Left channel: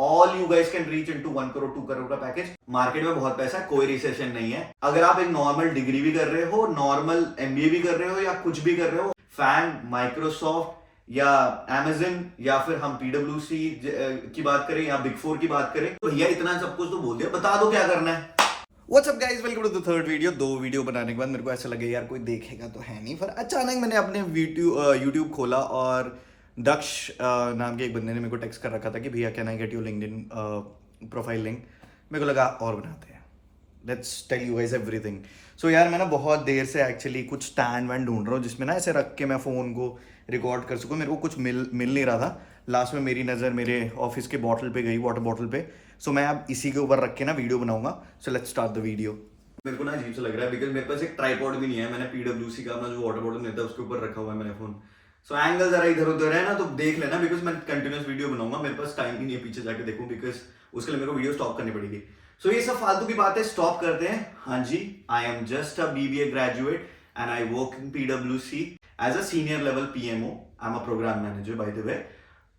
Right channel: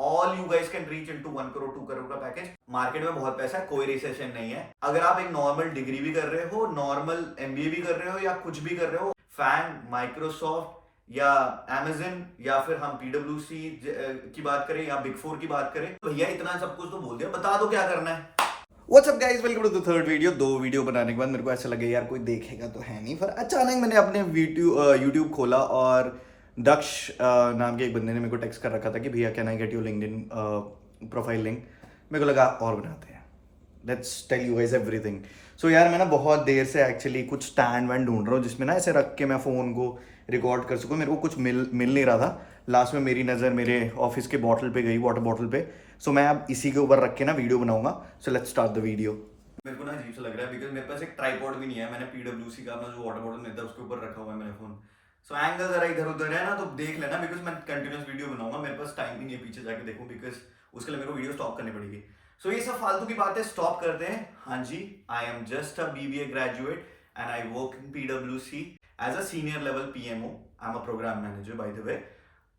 All you guys can reach into 1 crore 2 crore का package. Market में बहुत पैसा है, कोई रिसेशन नहीं है। अगर आप एक नॉर्मल डिग्री भी कर रहे हो, नॉर्मल एमबीए भी कर रहे हो या कुछ भी कर रहे हो, फैंग, माइक्रोसॉफ्ट या Amazon या फिर हम पीडब्ल्यूसी की बात करें या बिग फोर की बात करें, तो भैया इतना सब कुछ तो बोल दिया, बता दो क्या करना है। What's up guys, welcome to the third video. दो वीडियो बनाने के बाद मेरे को ऐसा लगे यार कोई देखेगा तो है नहीं, फिर अचानक मैंने अपने यूट्यूब खोला और दक्ष नाम के एक बंदे ने मेरे को टेक्स्ट कर रखा था कि भैया can I get your LinkedIn profile link. मेरे को लगा और बनाते हैं, let's tell you guys everything. So यार मैं ना बहुत देर से एक्चुअली कुछ स्टैंड वैंड ढूंढ रहा हूँ जिसमें ना ऐसे रख के मैं फ़ोन को रिकॉर्ड कर सकूँ। मेरे को कुछ मिल नहीं रहा था। लास्ट में मेरी नज़र मेरे ऑफिस के बॉटल पे गई, वाटर बॉटल पे। सो मैं अब इसी के ऊपर रख के ना वीडियो बनाऊंगा। So let's start the video. मेरे को ना अजीब सा लग रहा है बिकॉज मेरे पास एक ट्राइपॉड भी नहीं है। मैंने पीडब्ल्यूसी का अपना जो वाटर बॉटल मिलता है उसके ऊपर रखा हुआ है मेरा फोन। सो एंगल जरा इधर उधर है ना, तो देख लेना बिकॉज मैं कंटिन्यूस वीडियो बनाऊंगा। मेरे पास टाइम ही नहीं है पीछे जाके देखूं, बिकॉज उसके लिए मेरे को वीडियो स्टॉप करनी पड़ेगी। सो ये सब फालतू की बातें स्टॉप करते हैं। हाँ जी, I am just a BBA graduate and I work in पीडब्ल्यूसी as a senior level PMO. I am a programme manager by the way,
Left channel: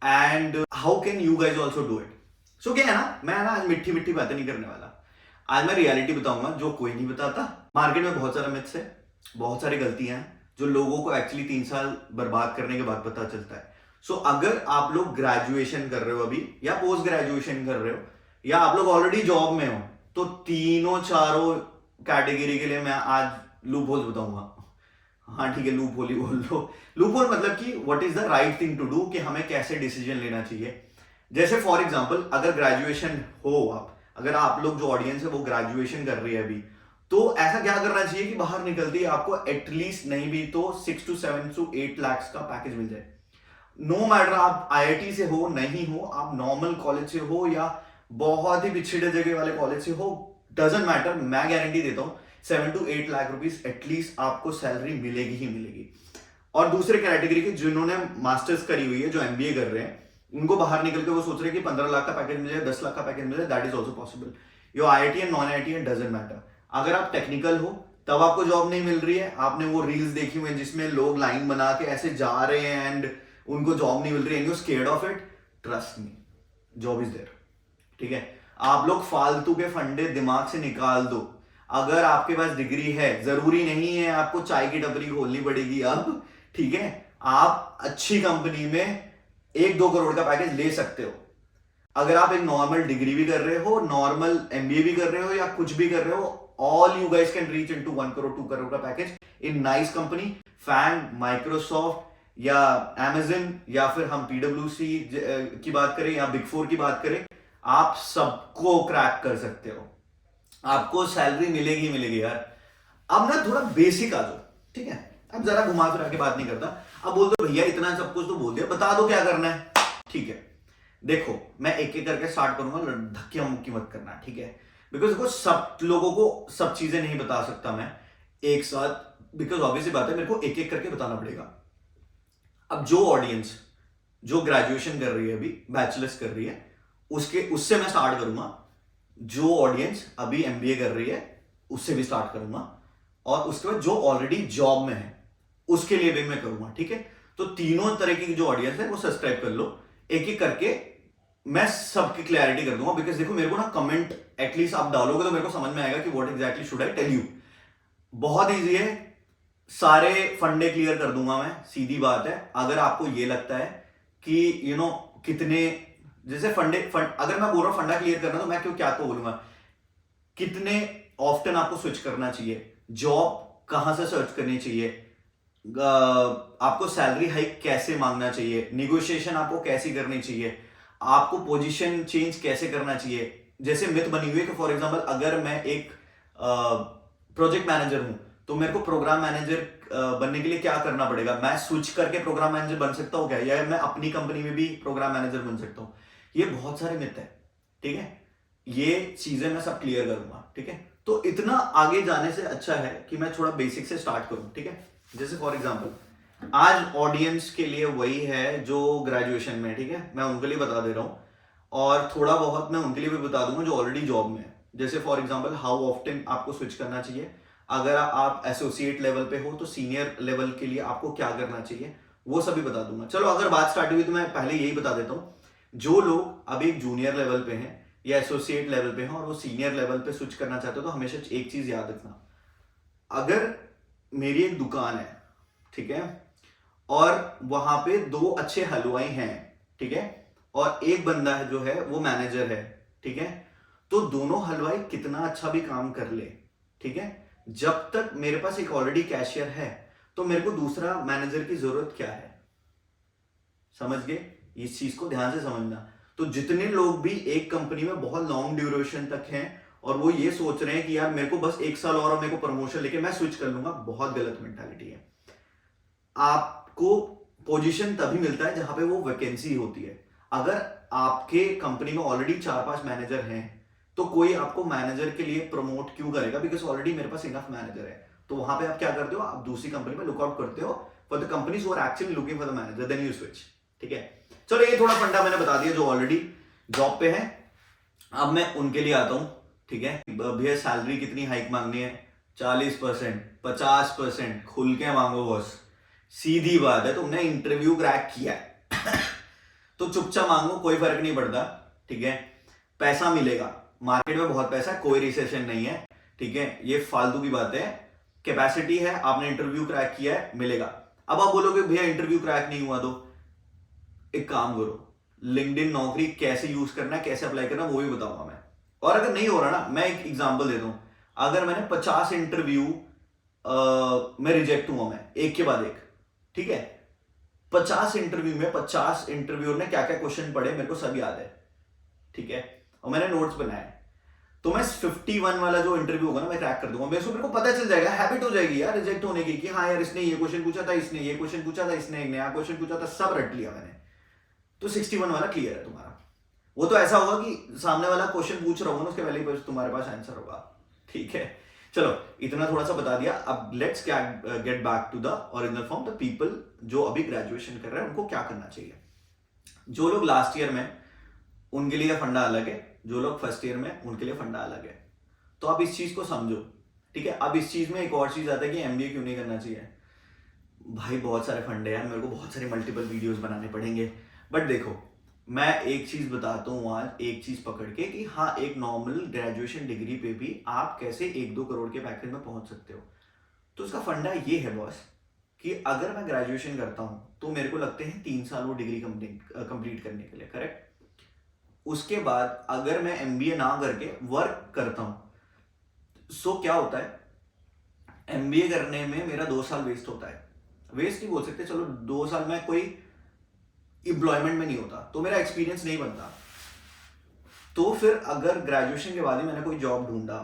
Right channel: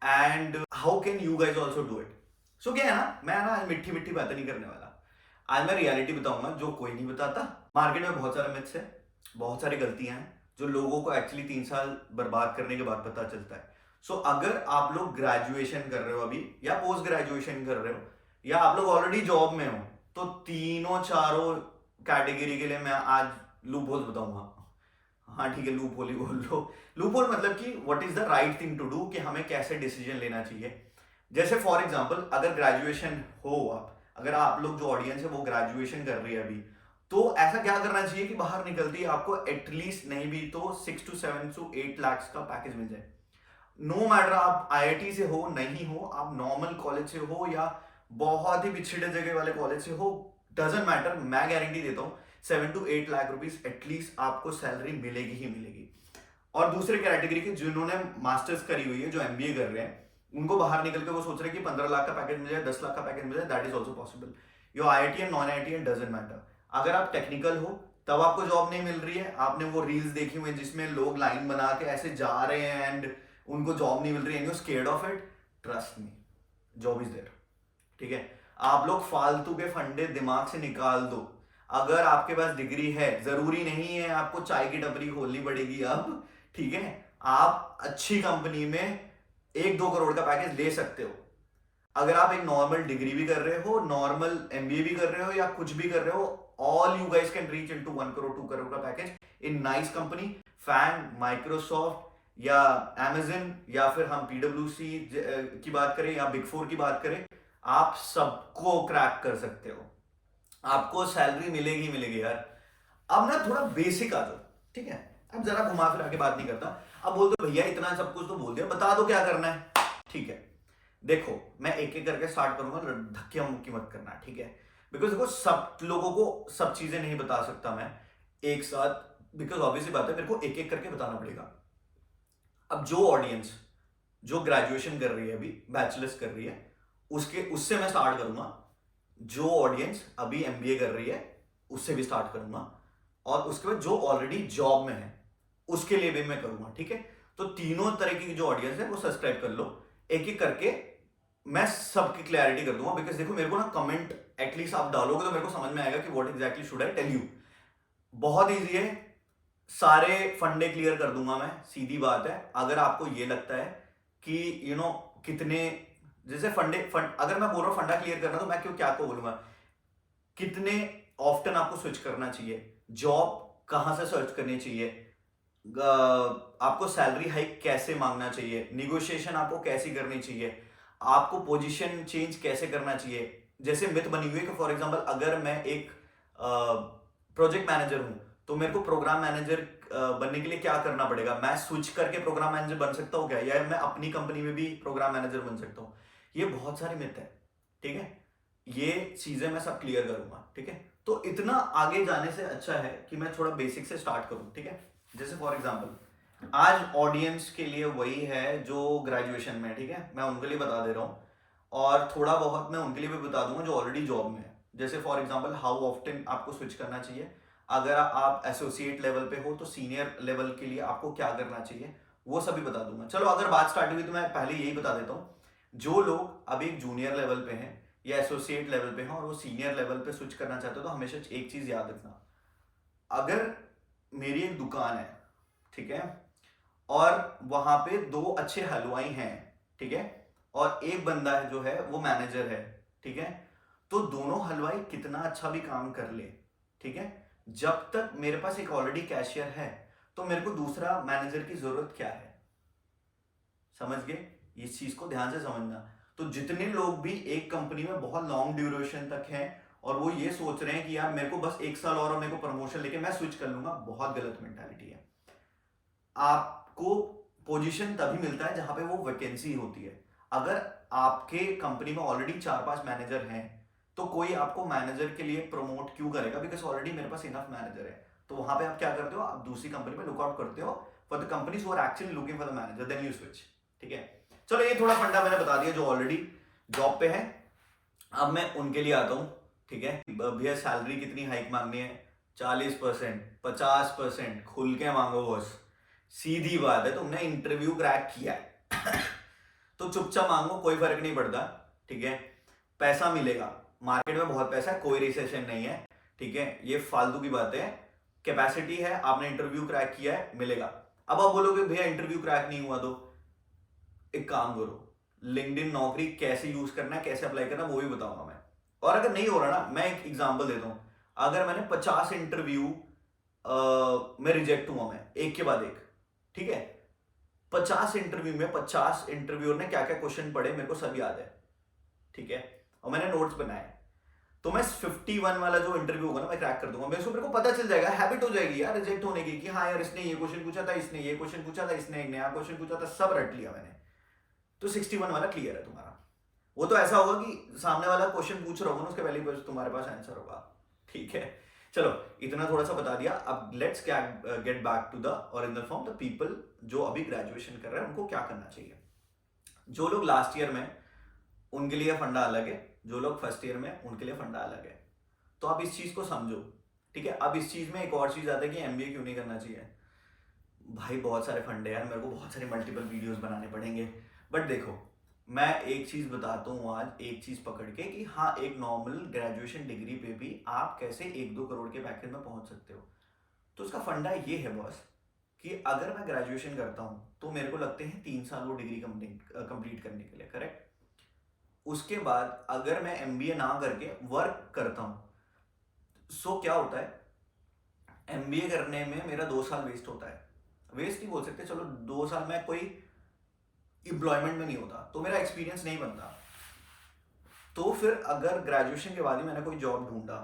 and how can you guys also do it. So क्या है ना, मैं ना आज मिट्टी मिट्टी बातें नहीं करने वाला। आज मैं रियलिटी बताऊंगा जो कोई नहीं बताता। मार्केट में बहुत सारा मिथ्स है, बहुत सारी गलतियां हैं जो लोगों को एक्चुअली 3 साल बर्बाद करने के बाद पता चलता है। सो अगर आप लोग ग्रेजुएशन कर रहे हो अभी, या पोस्ट ग्रेजुएशन कर रहे हो, या आप लोग ऑलरेडी जॉब में हो, तो तीनों चारों कैटेगरी के लिए मैं आज लूप होल्स बताऊंगा। हाँ ठीक है, लूप होल ही बोल लो। लूप होल मतलब कि what is the right thing to do, कि हमें कैसे डिसीजन लेना चाहिए। जैसे फॉर एग्जांपल, अगर ग्रेजुएशन हो आप, अगर आप लोग जो ऑडियंस है वो ग्रेजुएशन कर रही है अभी, तो ऐसा क्या करना चाहिए कि बाहर निकलती है आपको एटलीस्ट नहीं भी तो 6 to 7 to 8 lakhs का पैकेज मिल जाए। नो मैटर आप आईआईटी से हो नहीं हो, आप नॉर्मल कॉलेज से हो या बहुत ही पिछड़े जगह वाले कॉलेज से हो, डजेंट मैटर। मैं गारंटी देता हूं 7 to 8 लाख रुपीज एटलीस्ट आपको सैलरी मिलेगी ही मिलेगी। और दूसरे कैटेगरी के जिन्होंने मास्टर्स करी हुई है, जो एमबीए कर रहे हैं, उनको बाहर निकल के वो सोच रहे हैं कि 15 लाख का पैकेज मिल जाए, 10 लाख का पैकेज मिल जाए, that is also possible. Your IIT and non IIT and doesn't matter. अगर आप टेक्निकल हो तब आपको जॉब नहीं मिल रही है, आपने वो रील्स देखी हुई जिसमें लोग लाइन बना के ऐसे जा रहे हैं एंड उनको जॉब नहीं मिल रही है, you scared of it, trust me, job is there. ठीक है, आप लोग फालतू के फंडे दिमाग से निकाल दो। अगर आपके पास डिग्री है, जरूरी नहीं है आपको चाय की टपरी खोलनी पड़ेगी अब। ठीक है, आप अच्छी कंपनी में 1-2 करोड़ का पैकेज ले सकते हो। अगर आप एक नॉर्मल डिग्री भी कर रहे हो, नॉर्मल एमबीए भी कर रहे हो या कुछ भी कर रहे हो, all you guys can reach into 1 crore 2 crore का package in nice company. FAANG, Microsoft या Amazon या फिर हम पीडब्ल्यूसी की बात करें या बिग फोर की बात करें, आप सबको क्रैक कर सकते हो। आपको सैलरी मिलेगी मिलेगी यार। अब ना थोड़ा बेसिक आ जाओ, ठीक है। अब जरा घुमा फिरा के बात नहीं करता। अब बोल दो भैया इतना सब कुछ तो बोल दिया, बता दो क्या करना है। ठीक है, देखो मैं एक एक करके स्टार्ट करूंगा, धक्के मुक्की मत करना, ठीक है। बिकॉज देखो सब लोगों को सब चीजें नहीं बता सकता मैं एक साथ, बिकॉज ऑब्वियसली बात है मेरे को एक एक करके बताना पड़ेगा। अब जो ऑडियंस जो ग्रेजुएशन कर रही है अभी, बैचलर्स कर रही है, उससे मैं स्टार्ट करूंगा। जो ऑडियंस अभी एमबीए कर रही है उससे भी स्टार्ट करूंगा, और उसके बाद जो ऑलरेडी जॉब में है उसके लिए भी मैं करूंगा, ठीक है। तो तीनों तरह की जो ऑडियंस है वो सब्सक्राइब कर लो, एक एक करके मैं सबकी क्लैरिटी कर दूंगा। बिकॉज देखो मेरे को ना कमेंट एटलीस्ट आप डालोगे तो मेरे को समझ में आएगा कि what exactly should I tell you. बहुत ईजी है, सारे फंडे क्लियर कर दूंगा मैं, सीधी बात है। अगर आपको ये लगता है कि कितने, जैसे फंड अगर मैं बोल रहा हूं फंडा क्लियर करना, तो मैं क्या को बोलूंगा, कितने ऑफ्टन आपको स्विच करना चाहिए, जॉब कहां से सर्च करनी चाहिए, आपको सैलरी हाइक कैसे मांगना चाहिए, निगोशिएशन आपको कैसी करनी चाहिए, आपको पोजीशन चेंज कैसे करना चाहिए। जैसे मिथ बनी हुई है कि फॉर एग्जांपल अगर मैं एक प्रोजेक्ट मैनेजर हूं तो मेरे को प्रोग्राम मैनेजर बनने के लिए क्या करना पड़ेगा, मैं स्विच करके प्रोग्राम मैनेजर बन सकता हूं क्या, या मैं अपनी कंपनी में भी प्रोग्राम मैनेजर बन सकता हूं। ये बहुत सारे मिथ है, ठीक है। ये चीजें मैं सब क्लियर करूंगा, ठीक है। तो इतना आगे जाने से अच्छा है कि मैं थोड़ा बेसिक से स्टार्ट करूं, ठीक है। जैसे फॉर एग्जांपल आज ऑडियंस के लिए वही है जो ग्रेजुएशन में, ठीक है, मैं उनके लिए बता दे रहा हूं, और थोड़ा बहुत मैं उनके लिए भी बता दूंगा जो ऑलरेडी जॉब में है। जैसे फॉर एग्जांपल हाउ ऑफ्टन आपको स्विच करना चाहिए, अगर आप एसोसिएट लेवल पे हो तो सीनियर लेवल के लिए आपको क्या करना चाहिए, वो सभी बता दूंगा। चलो अगर बात स्टार्ट हुई तो मैं पहले यही बता देता हूँ। जो लोग अभी एक जूनियर लेवल पे हैं या एसोसिएट लेवल पे हैं और वो सीनियर लेवल पे स्विच करना चाहते हो, तो हमेशा एक चीज याद रखना, अगर मेरी एक दुकान है, ठीक है, और वहां पे दो अच्छे हलवाई हैं, ठीक है, और एक बंदा है जो है वो मैनेजर है, ठीक है, तो दोनों हलवाई कितना अच्छा भी काम कर ले, ठीक है, जब तक मेरे पास एक ऑलरेडी कैशियर है तो मेरे को दूसरा मैनेजर की जरूरत क्या है? समझ गए? इस चीज को ध्यान से समझना। तो जितने लोग भी एक कंपनी में बहुत लॉन्ग ड्यूरेशन तक हैं और वो ये सोच रहे हैं कि यार मेरे को बस 1 साल और मेरे को प्रमोशन लेके मैं स्विच कर लूंगा, बहुत गलत मेंटालिटी है। आपको पोजीशन तभी मिलता है जहां पे वो वैकेंसी होती है। अगर आपके कंपनी में ऑलरेडी 4-5 मैनेजर हैं तो कोई आपको मैनेजर के लिए प्रमोट क्यों करेगा? बिकॉज ऑलरेडी मेरे पास इनफ मैनेजर है। तो वहां पे आप क्या करते हो, आप दूसरी कंपनी में लुकआउट करते हो for the companies who are actually looking for the manager, then you switch. ठीक है, चलो ये थोड़ा फंडा मैंने बता दिया जो ऑलरेडी जॉब पे है। अब मैं उनके लिए आता हूं, ठीक है, भैया सैलरी कितनी हाइक मांगनी है? 40%, 50%, खुल के मांगो बॉस। सीधी बात है, तुमने इंटरव्यू क्रैक किया है तो चुपचाप मांगो, कोई फर्क नहीं पड़ता, ठीक है। पैसा मिलेगा, मार्केट में बहुत पैसा है, कोई रिसेशन नहीं है, ठीक है, ये फालतू की बात है। कैपेसिटी है, आपने इंटरव्यू क्रैक किया है, मिलेगा। अब आप बोलोगे भैया इंटरव्यू क्रैक नहीं हुआ, तो एक काम करो, लिंक्डइन नौकरी कैसे यूज करना है, कैसे अप्लाई करना है, वो भी बताऊंगा मैं। और अगर नहीं हो रहा ना, मैं एक एग्जांपल देता हूं, अगर मैंने 50 इंटरव्यू में रिजेक्ट हुआ, मैं एक के बाद एक, ठीक है, 50 इंटरव्यू में 50 इंटरव्यूअर ने क्या क्या क्वेश्चन पढ़े मेरे को सब याद है, ठीक है, और मैंने नोट्स बनाए, तो मैं 51 वाला जो इंटरव्यू होगा ना मैं क्रैक कर दूंगा। मेरे को पता चल जाएगा, हैबिट हो जाएगी यार रिजेक्ट होने की, कि हाँ यार इसने ये क्वेश्चन पूछा था, इसने ये क्वेश्चन पूछा था, इसने एक नया क्वेश्चन पूछा था, सब रट लिया मैंने। तो 61 वाला क्लियर है तुम्हारा। वो तो ऐसा होगा कि सामने वाला क्वेश्चन पूछ रहा होगा ना, उसके पहले ही तुम्हारे पास आंसर होगा, ठीक है। चलो इतना थोड़ा सा बता दिया, अब let's get back to the original form. The people जो अभी ग्रेजुएशन कर रहे हैं उनको क्या करना चाहिए? जो लोग लास्ट ईयर में, उनके लिए फंडा अलग है, जो लोग फर्स्ट ईयर में उनके लिए फंडा अलग है। तो आप इस चीज को समझो, ठीक है। अब इस चीज में एक और चीज आता है कि एमबीए क्यों नहीं करना चाहिए। भाई बहुत सारे फंडे यार, मेरे को बहुत सारे मल्टीपल वीडियोस बनाने पड़ेंगे, बट देखो मैं एक चीज बताता हूँ आज, एक चीज पकड़ के, कि हाँ एक नॉर्मल ग्रेजुएशन डिग्री पे भी आप कैसे 1-2 करोड़ के पैकेज में पहुंच सकते हो। तो उसका फंडा ये है बॉस, कि अगर मैं ग्रेजुएशन करता हूं तो मेरे को लगते हैं 3 साल वो डिग्री कंप्लीट करने के लिए, करेक्ट। उसके बाद अगर मैं एमबीए ना करके वर्क करता हूं, सो क्या होता है, एमबीए करने में मेरा 2 साल वेस्ट होता है। वेस्ट नहीं बोल सकते, चलो 2 साल में कोई एम्प्लॉयमेंट में नहीं होता, तो मेरा एक्सपीरियंस नहीं बनता। तो फिर अगर ग्रेजुएशन के बाद ही मैंने कोई जॉब ढूंढा,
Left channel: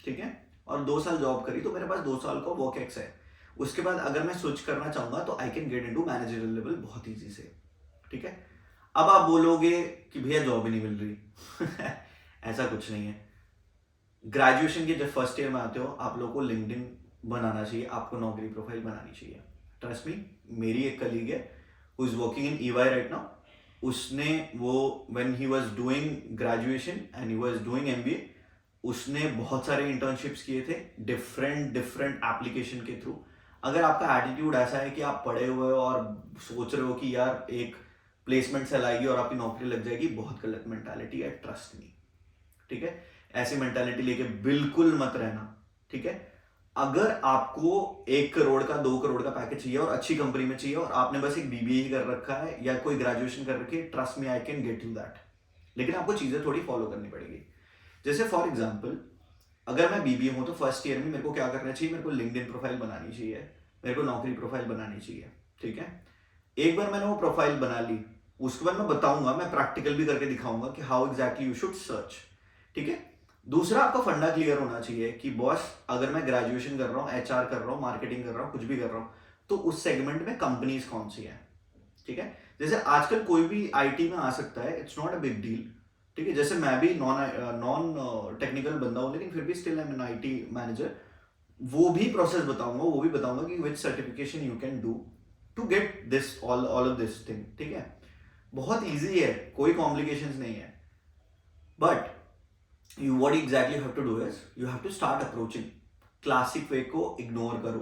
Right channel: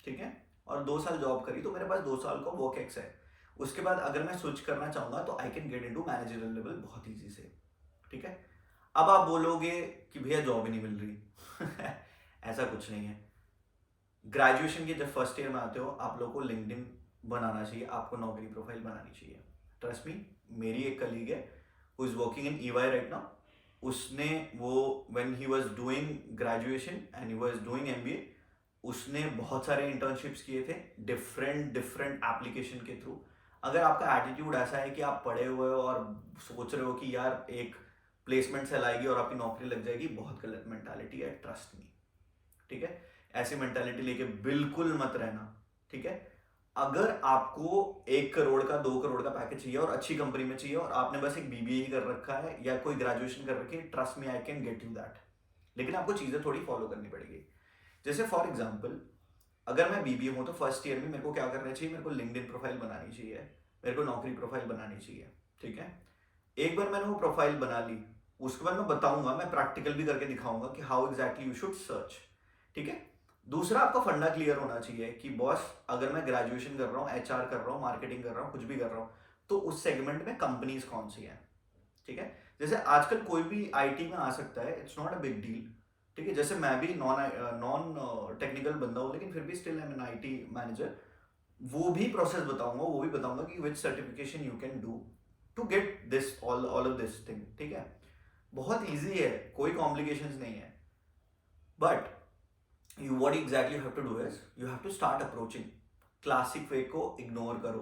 ठीक है, और 2 साल जॉब करी, तो मेरे पास 2 साल का वर्क एक्स है। उसके बाद अगर मैं स्विच करना चाहूंगा तो I can get into managerial level बहुत ईजी से, ठीक है। अब आप बोलोगे कि भैया जॉब ही नहीं मिल रही ऐसा कुछ नहीं है। ग्रेजुएशन के जब फर्स्ट ईयर में आते हो, आप लोगों को लिंक्डइन बनाना चाहिए, आपको नौकरी प्रोफाइल बनानी चाहिए। ट्रस्ट मी, मेरी एक कलीग है who is working in EY right now, उसने वो when he was doing graduation and he was doing MBA, उसने बहुत सारे इंटर्नशिप्स किए थे डिफरेंट एप्लीकेशन के थ्रू। अगर आपका एटीट्यूड ऐसा है कि आप पढ़े हुए हो और सोच रहे हो कि यार एक प्लेसमेंट सेल आएगी और आपकी नौकरी लग जाएगी, बहुत गलत मेंटालिटी है, ट्रस्ट मी, ठीक है। ऐसी मेंटालिटी लेके बिल्कुल मत रहना, ठीक है। अगर आपको 1 करोड़ का 2 करोड़ का पैकेज चाहिए और अच्छी कंपनी में चाहिए और आपने बस एक बीबीए ही कर रखा है या कोई ग्रेजुएशन कर रखी है, trust me I can get you that. लेकिन आपको चीजें थोड़ी फॉलो करनी पड़ेगी। जैसे फॉर एग्जाम्पल, अगर मैं बीबीए हूं तो फर्स्ट ईयर में मेरे को क्या करना चाहिए, मेरे को लिंक्डइन प्रोफाइल बनानी चाहिए, मेरे को नौकरी प्रोफाइल बनानी चाहिए, ठीक है। एक बार मैंने वो प्रोफाइल बना ली, उसके बाद मैं बताऊंगा, मैं प्रैक्टिकल भी करके दिखाऊंगा कि how exactly you should search, ठीक है। दूसरा, आपका फंडा क्लियर होना चाहिए कि बॉस अगर मैं ग्रेजुएशन कर रहा हूँ, एचआर कर रहा हूँ, मार्केटिंग कर रहा हूँ, कुछ भी कर रहा हूँ, तो उस सेगमेंट में कंपनीज कौन सी हैं, ठीक है। जैसे आजकल कोई भी आईटी में आ सकता है, it's not a big deal, ठीक है। जैसे मैं भी नॉन टेक्निकल बंदा हूँ, लेकिन फिर भी still I am an IT manager. वो भी प्रोसेस बताऊंगा, वो भी बताऊंगा कि which certification you can do to get this all of this thing, ठीक है। बहुत ईजी है, कोई कॉम्प्लिकेशंस नहीं है, but you what exactly you have to do is you have to start approaching। Classic way को इग्नोर करो।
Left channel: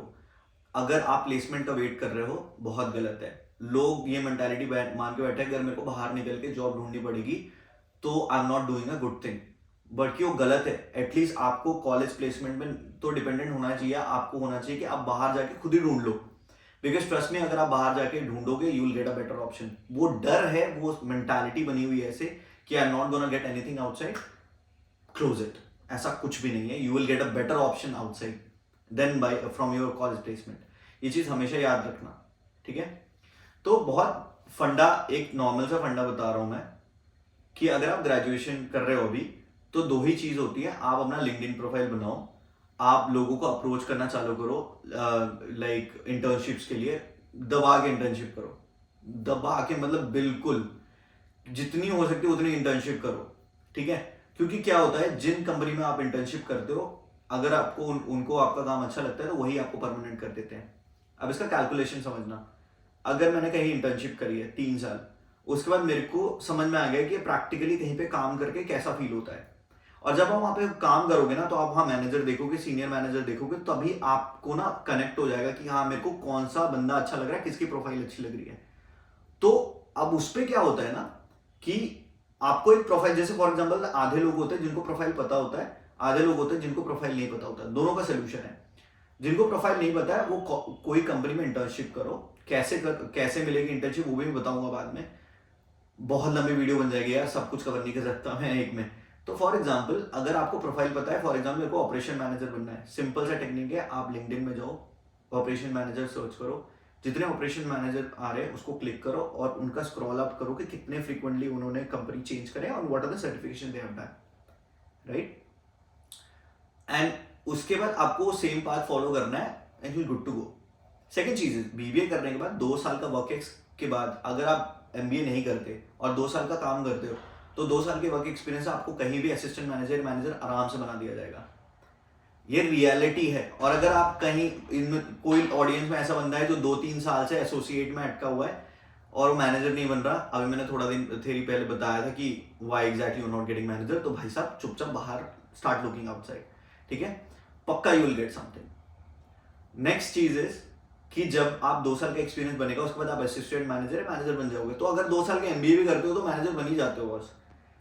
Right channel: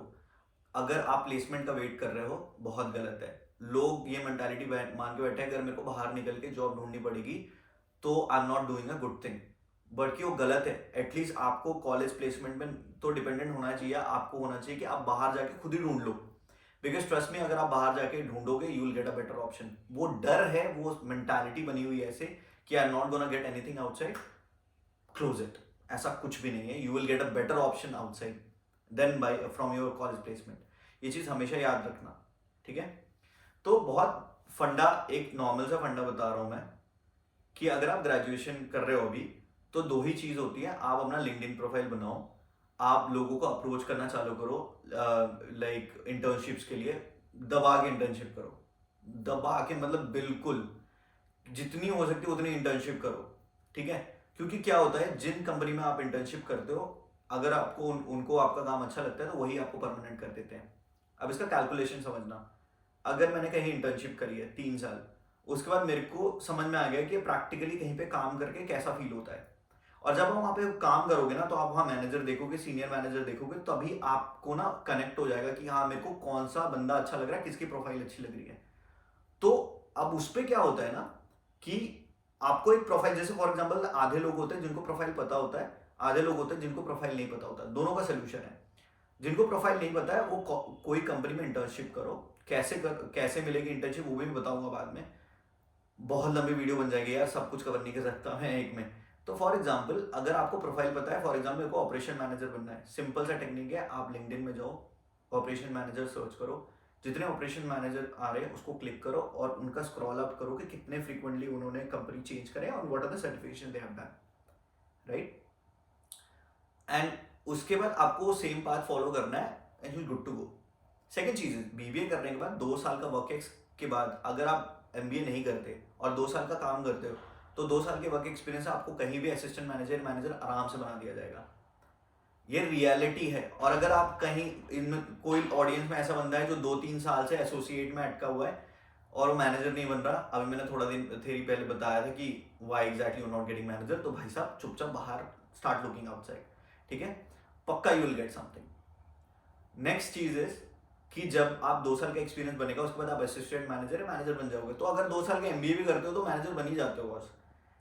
अगर आप प्लेसमेंट का वेट कर रहे हो, बहुत गलत है। लोग ये मेंटालिटी मान के बैठे हैं, अगर मेरे को बाहर निकल के जॉब ढूंढनी पड़ेगी तो आई am not doing a good thing, बल्कि वो गलत है। एटलीस्ट आपको कॉलेज प्लेसमेंट में तो डिपेंडेंट होना चाहिए, आपको होना चाहिए कि आप बाहर जाके खुद ही ढूंढ लो, बिकॉज ट्रस्ट में अगर आप बाहर जाके ढूंढोगे you will get a better option. वो डर है, वो मेंटालिटी बनी हुई है ऐसे कि I am not gonna get anything outside, close it. ऐसा कुछ भी नहीं है, you will get a better option outside then by from your college placement. ये चीज हमेशा याद रखना, ठीक है। तो बहुत फंडा, एक नॉर्मल सा फंडा बता रहा हूं मैं, कि अगर आप ग्रेजुएशन कर रहे हो अभी तो दो ही चीज होती है, आप अपना लिंक्डइन प्रोफाइल बनाओ, आप लोगों को अप्रोच करना चालू करो, लाइक इंटर्नशिप्स के लिए दबा के इंटर्नशिप करो, दबा के मतलब बिल्कुल जितनी हो सकती है उतनी इंटर्नशिप करो, ठीक है। क्योंकि क्या होता है, जिन कंपनी में आप इंटर्नशिप करते हो, अगर आपको उनको आपका काम अच्छा लगता है तो वही आपको परमानेंट कर देते हैं। अब इसका कैलकुलेशन समझना, अगर मैंने कहीं इंटर्नशिप करी है 3 साल, उसके बाद मेरे को समझ में आ गया कि प्रैक्टिकली कहीं पे काम करके कैसा फील होता है, और जब आप वहां पे काम करोगे ना तो आप वहां मैनेजर देखोगे, सीनियर मैनेजर देखोगे, तभी आपको ना कनेक्ट हो जाएगा कि हाँ मेरे को कौन सा बंदा अच्छा लग रहा है, किसकी प्रोफाइल अच्छी लग रही है। तो अब उस पर क्या होता है ना कि आपको एक प्रोफाइल, जैसे फॉर एग्जाम्पल आधे लोग होते हैं जिनको प्रोफाइल पता होता है, आधे लोग होते हैं जिनको प्रोफाइल नहीं पता होता, दोनों का सोल्यूशन है। जिनको प्रोफाइल नहीं पता है वो कोई कंपनी में इंटर्नशिप करो, कैसे मिलेगी इंटर्नशिप वो भी मैं बताऊंगा बाद में, बहुत लंबी वीडियो बन जाएगी यार, सब कुछ कवर नहीं कर सकता मैं एक में। तो फॉर एग्जाम्पल अगर आपको प्रोफाइल पता है, फॉर एग्जाम्पल मेरे को ऑपरेशन मैनेजर बनना है, सिंपल सा टेक्निक है, आप लिंक्डइन में जाओ, ऑपरेशन मैनेजर सर्च करो, जितने ऑपरेशन मैनेजर आ रहे हैं उसको क्लिक करो और उनका स्क्रॉल अप करो कि कितने फ्रीक्वेंटली उन्होंने कंपनी चेंज करे और what are the certification they have done, right. And उसके बाद आपको सेम पाथ फॉलो करना है and you good to go. Second चीज है, बीबीए करने के बाद 2 साल का वर्क एक्स के बाद अगर आप एमबीए नहीं करते और 2 साल का काम करते हो तो 2 साल के वर्क एक्सपीरियंस से आपको कहीं भी असिस्टेंट मैनेजर आराम से बना दिया जाएगा। ये रियलिटी है। और अगर आप कहीं इनमें कोई ऑडियंस में ऐसा बंदा है जो 2-3 साल से एसोसिएट में अटका हुआ है और वो मैनेजर नहीं बन रहा, अभी मैंने थोड़ा दिन थेरी पहले बताया था कि why exactly you not getting manager, तो भाई साहब चुपचाप बाहर स्टार्ट लुकिंग आउटसाइड, ठीक है, पक्का you will get something. Next चीज इज कि जब आप 2 साल का एक्सपीरियंस बनेगा उसके बाद आप असिस्टेंट मैनेजर बन जाओगे, तो अगर 2 साल के एमबीए भी करते हो तो मैनेजर बन ही जाते हो बस।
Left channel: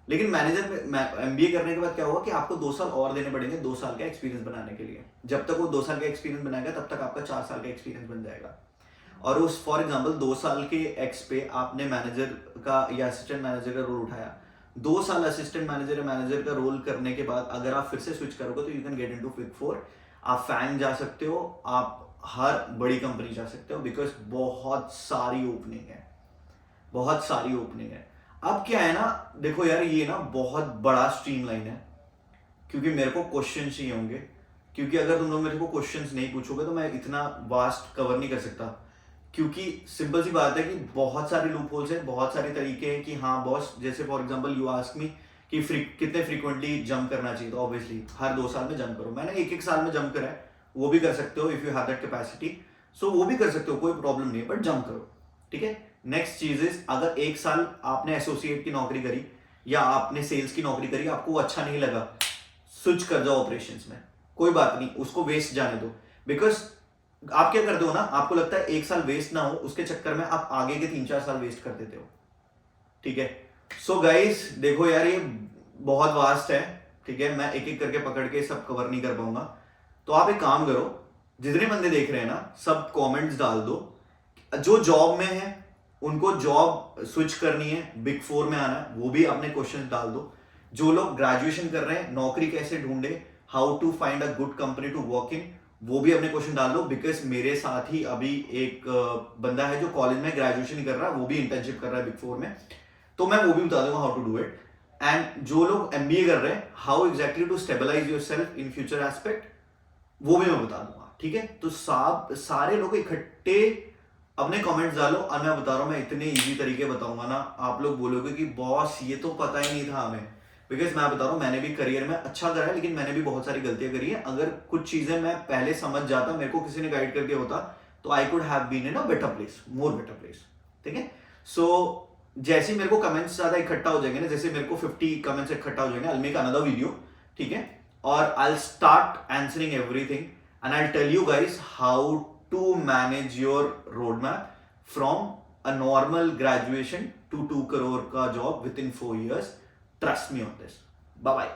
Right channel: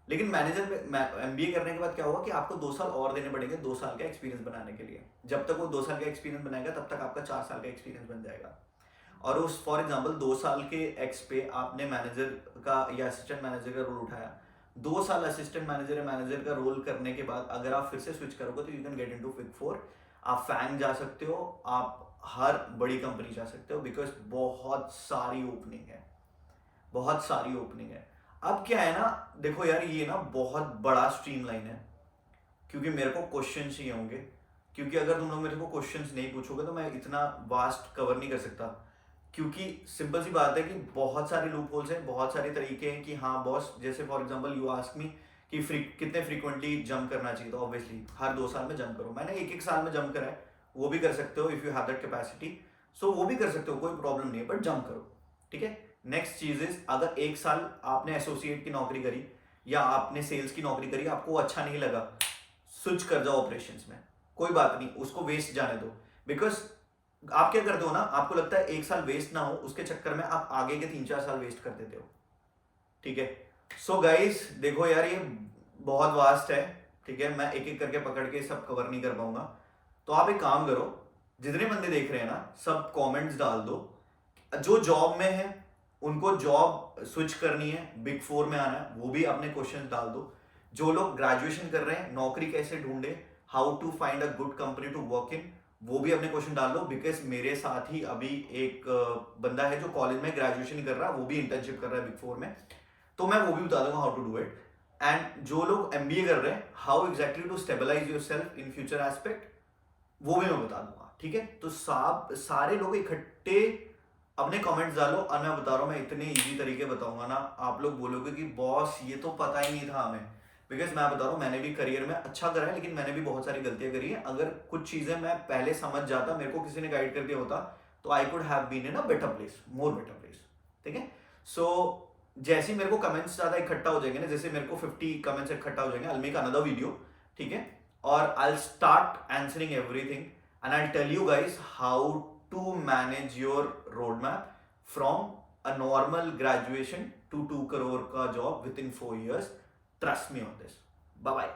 लेकिन मैनेजर में एमबीए करने के बाद क्या होगा कि आपको 2 साल और देने पड़ेंगे 2 साल का एक्सपीरियंस बनाने के लिए। जब तक वो 2 साल का एक्सपीरियंस बनाएगा तब तक आपका 4 साल का एक्सपीरियंस बन जाएगा। और उस फॉर एग्जाम्पल 2 साल के एक्स पे आपने मैनेजर का या असिस्टेंट मैनेजर का रोल उठाया, 2 साल असिस्टेंट मैनेजर का रोल करने के बाद अगर आप फिर से स्विच करोगे तो you can get into big 4, आप फैंग जा सकते हो, आप हर बड़ी कंपनी जा सकते हो, बिकॉज बहुत सारी ओपनिंग है, बहुत सारी ओपनिंग है। अब क्या है ना, देखो यार ये ना बहुत बड़ा स्ट्रीमलाइन है, क्योंकि मेरे को क्वेश्चन चाहिए होंगे, क्योंकि अगर तुम लोग मेरे को क्वेश्चंस नहीं पूछोगे तो मैं इतना वास्ट कवर नहीं कर सकता। क्योंकि सिंपल सी बात है कि बहुत सारे लूप होल्स हैं, बहुत सारे तरीके हैं कि हाँ बॉस, जैसे for example you ask me कि कितने फ्रीक्वेंटली जंप करना चाहिए, तो ऑब्वियसली हर 2 साल में जंप करो। मैंने 1-1 साल में जंप करा है, वो भी कर सकते हो if you have that capacity, so वो भी कर सकते हो, कोई प्रॉब्लम नहीं है, बट जंप करो, ठीक है। नेक्स्ट चीज इज, अगर 1 साल आपने एसोसिएट की नौकरी करी या आपने सेल्स की नौकरी करी, आपको अच्छा नहीं लगा, स्विच कर जाओ ऑपरेशंस में, कोई बात नहीं, उसको वेस्ट जाने दो। बिकॉज आप क्या करते हो ना, आपको लगता है 1 साल वेस्ट ना हो, उसके चक्कर में आप आगे के 3-4 साल वेस्ट कर देते हो, ठीक है। सो गाइस देखो यार ये बहुत वास्ट है, ठीक है, मैं एक एक करके पकड़ के सब कवर नहीं कर पाऊंगा, तो आप एक काम करो, जितने बंदे देख रहे हैं ना सब कमेंट्स डाल दो, जो जॉब में है उनको जॉब स्विच करनी है, बिग 4 में आना है, वो भी अपने क्वेश्चन डाल दो। जो लोग ग्रेजुएशन कर रहे हैं, नौकरी कैसे ढूंढे, how to find a good company to work in, वो भी अपने क्वेश्चन डाल दो। बिकॉज मेरे साथ ही अभी एक बंदा है जो कॉलेज में ग्रेजुएशन ही कर रहा है, वो भी इंटर्नशिप कर रहा है बिग 4 में, तो मैं वो भी बता दूंगा how to do it. And जो लोग एमबीए कर रहे हैं, how exactly to stabilize yourself in future aspect, वो भी मैं बता दूंगा, ठीक है। तो सारे लोग इकट्ठे अपने कमेंट्स डालो, और मैं बता रहा हूँ मैं इतने इजी तरीके बताऊंगा ना, आप लोग बोलोगे कि बॉस ये तो पता ही नहीं था हमें। बिकॉज मैं बता रहा हूँ मैंने भी करियर में अच्छा करा है, लेकिन मैंने भी बहुत सारी गलतियां करी है। अगर कुछ चीजें मैं पहले समझ जाता, मेरे को किसी ने गाइड कर दिया होता, तो I could have been in a better place, more better place, ठीक है। सो जैसे मेरे को कमेंट्स ज्यादा इकट्ठा हो जाएंगे ना, जैसे मेरे को 50 कमेंट्स इकट्ठा हो जाएंगे, I will make another video, ठीक है, और I will start answering everything and I will tell you guys how to manage your roadmap from a normal graduation to 2 crore का job within 4 years. Trust me on this. Bye bye.